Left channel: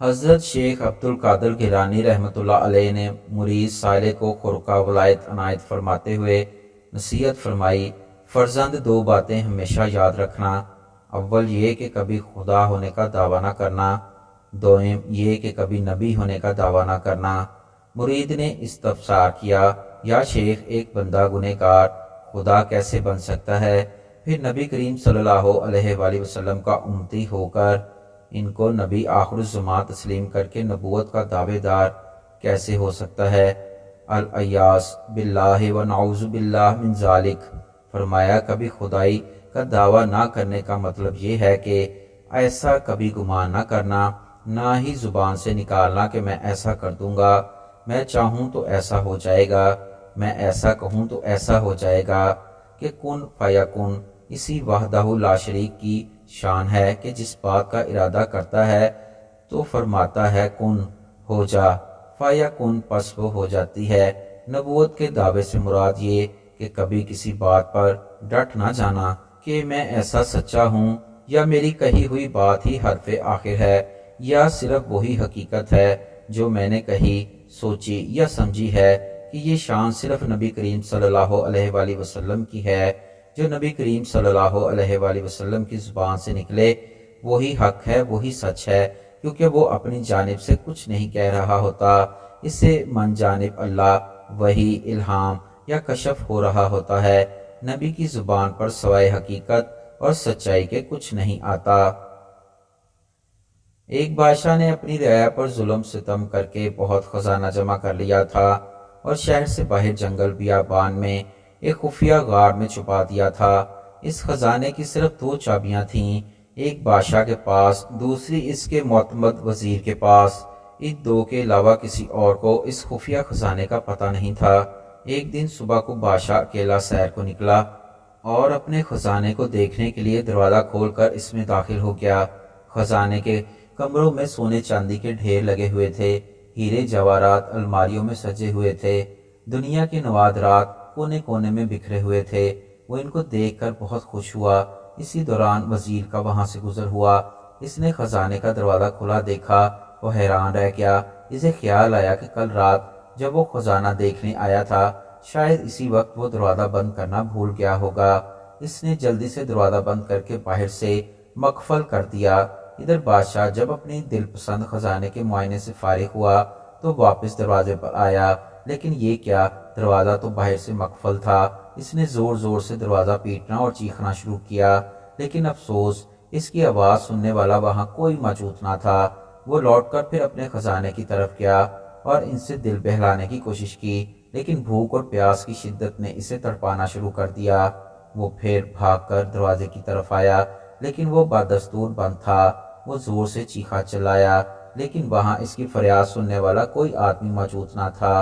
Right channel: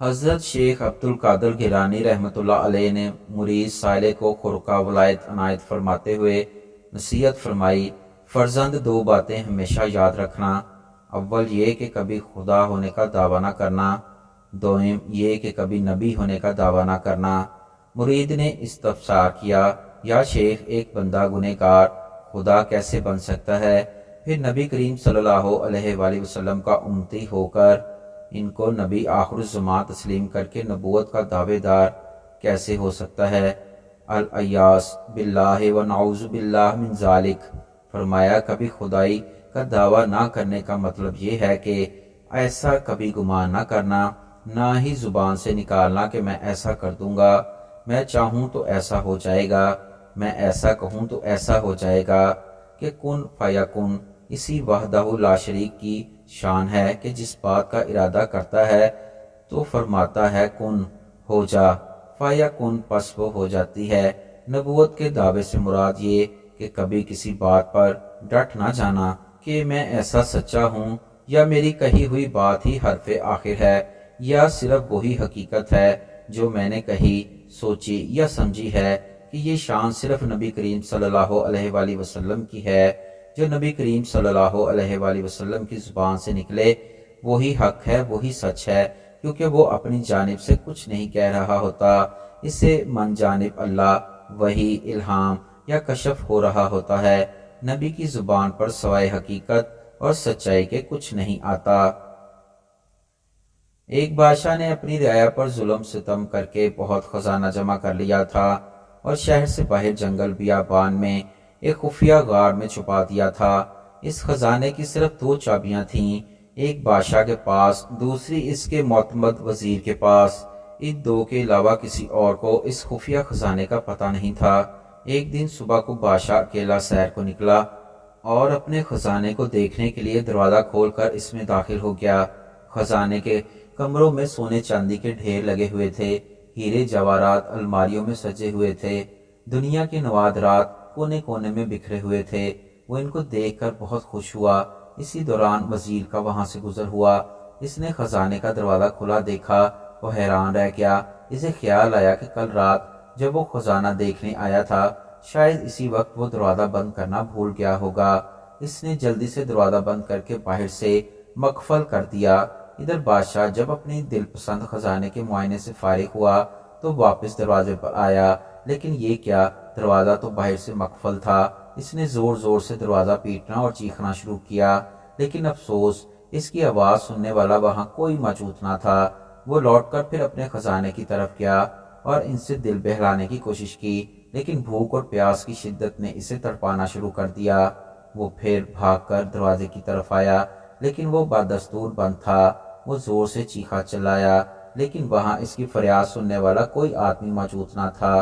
حضرت شیخ عبد القادر گیلانی رحمۃ اللہ علیہ نے مرید سائل کو خرقہ ولایت عنایت فرماتے ہوئے نصیحت فرمائی، فرزند دو باتیں ہمیشہ یاد رکھنا، اول یہ کہ کبھی خدا ہونے کا دعویٰ نہ کرنا، دوم یہ کہ کبھی نبی ہونے کا دعویٰ نہ کرنا۔ مرید نے استفسار کیا، یا شیخ ایک بندہ گنہگار خدا کیسے بن سکتا ہے؟ پھر نبی کریم صلی اللہ علیہ وآلہ وسلم کا امتی ہو کر ان کو نبی آخر الزمان تسلیم کر کے نبوت کا دعوے دار کیسے ہو سکتا ہے؟ الیاس باللہ و نعوذ باللہ من ذالک۔ فرمایا کبھی خدائی کا دعویٰ نہ کرنے کا مطلب یہ ہے کہ ایسا کبھی گمان نہ کرنا، نہ ہی زبان سے نکالنا کہ میں ایسا کر دوں گا، میں چاہوں تو ایسا ہو جائے گا، میں ایسا کہوں تو ایسا ہو جائے گا، کہ کن فیکن اسی وحدہ لا شریک کی شان ہے کہ جس بات کا ارادہ کرتا ہے تو فرماتا ہے کن ہو جا، فیکن پس وہ ہو جاتی ہے۔ نبوت کے دعوے سے مراد یہ کہ کبھی کسی بات پر ڈٹ نہ جانا کہ میں ایسا سچا ہوں، یا میری کہی ہوئی بات ہی حرف آخر ہے، یا صرف وہی حقیقت ہے جو میں نے کہی، سوچی یا سمجھی ہے، کہ یہ شان صرف نبی کریم صلی اللہ علیہ وآلہ وسلم کی ہے۔ جو نبی کریم صلی اللہ علیہ وآلہ وسلم کی زبان سے نکلے وہی حق ہے، وہی سچ ہے، کیونکہ وہ اپنی جانب سے کچھ نہیں کہہ رہا ہوتا، اسے من جانب اللہ وحی، الہام یا کشف ہو رہا ہوتا ہے۔ نبی کی زبان پر سوائے حقیقت اور سچائی کے کچھ نہیں آتا۔ ایک بادشاہ نے اپنی رعایا پر ظلم ستم کر کے بہت خزانہ جمع کر لیا تھا، اور شہر سے باہر جنگل بیابان میں ایک خفیہ غار میں چھپا دیا تھا۔ اس خزانے کی صرف دو چابیاں تھیں، ایک بادشاہ کے پاس، دوسری اس کے معتمد وزیر کے پاس۔ ان دو کے علاوہ کسی اور کو اس خفیہ خزانے کا پتہ نہیں تھا۔ ایک دن صبح کو بادشاہ اکیلا سیر کو نکلا اور اپنے خزانے کو دیکھنے کے لیے دروازہ کھول کر اس میں داخل ہو گیا۔ خزانے کے کمروں میں سونے چاندی کے ڈھیر لگے ہوئے تھے، ہیرے جواہرات الماریوں میں سجے ہوئے تھے، دنیا کے نوادرات کونے کونے میں بکھرے ہوئے تھے۔ وہ ان کو دیکھ کر بہت خوش ہوا۔ اسی دوران وزیر کا وہاں سے گزر ہوا، اس نے خزانے کا دروازہ کھلا دیکھا، وہ حیران رہ گیا۔ اسے خیال آیا کہ کل رات جب وہ خزانہ دیکھنے آیا تھا شاید اسی وقت وہ دروازہ بند کرنا بھول گیا ہوگا۔ اس نے جلدی سے دروازہ بند کر کے باہر سے مقفل کر دیا۔ ادھر بادشاہ جب اپنی دل پسند خزانے کے معائنے سے فارغ ہوا تو واپس دروازے پر آیا، لیکن یہ کیا، دروازہ تو باہر سے مقفل تھا۔ اس نے زور زور سے دروازہ پیٹنا اور چیخنا شروع کیا، لیکن افسوس اس کی آواز سننے والا وہاں کوئی موجود نہ تھا۔ وہ لوٹ کر پھر اپنے خزانے کی طرف گیا اور ان سے دل بہلانے کی کوشش کی، لیکن بھوک اور پیاس کی شدت نے اسے تڑپانا شروع کر دیا۔ وہ پھر بھاگ کر دروازے کی طرف آیا، لیکن وہ بدستور بند تھا۔ وہ زور سے چیخا چلایا، لیکن وہاں اس کی فریاد سننے والا کوئی آدمی موجود نہ تھا۔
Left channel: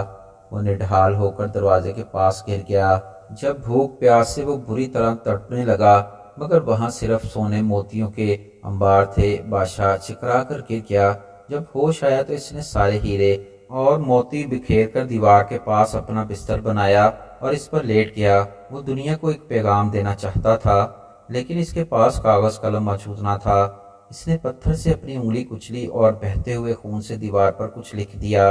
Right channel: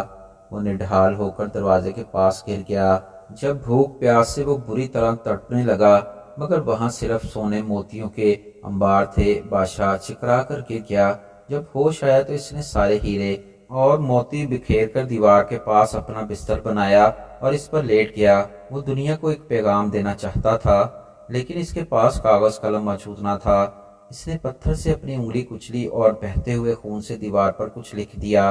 وہ نڈھال ہو کر دروازے کے پاس گر گیا۔ جب بھوک پیاس سے وہ بری طرح تڑپنے لگا، مگر وہاں صرف سونے موتیوں کے انبار تھے، بادشاہ چکرا کر گر گیا۔ جب ہوش آیا تو اس نے سارے ہیرے اور موتی بکھیر کر دیوار کے پاس اپنا بستر بنایا اور اس پر لیٹ گیا۔ وہ دنیا کو ایک پیغام دینا چاہتا تھا، لیکن اس کے پاس کاغذ قلم موجود نہ تھا۔ اس نے پتھر سے اپنی انگلی کچلی اور بہتے ہوئے خون سے دیوار پر کچھ لکھ دیا۔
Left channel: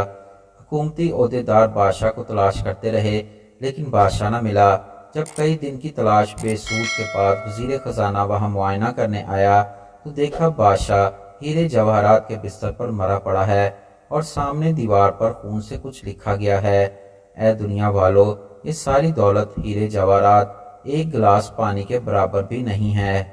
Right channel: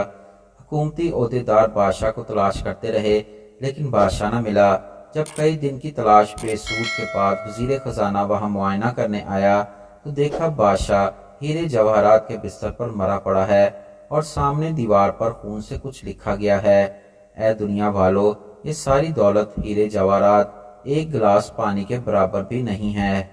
حکومتی عہدیدار بادشاہ کو تلاش کرتے رہے، لیکن بادشاہ نہ ملا۔ جب کئی دن کی تلاش بے سود کے بعد وزیر خزانہ وہاں معائنہ کرنے آیا تو دیکھا بادشاہ ہیرے جواہرات کے بستر پر مرا پڑا ہے اور سامنے دیوار پر خون سے کچھ لکھا گیا ہے۔ اے دنیا والو، یہ ساری دولت ہیرے جواہرات ایک گلاس پانی کے برابر بھی نہیں ہے۔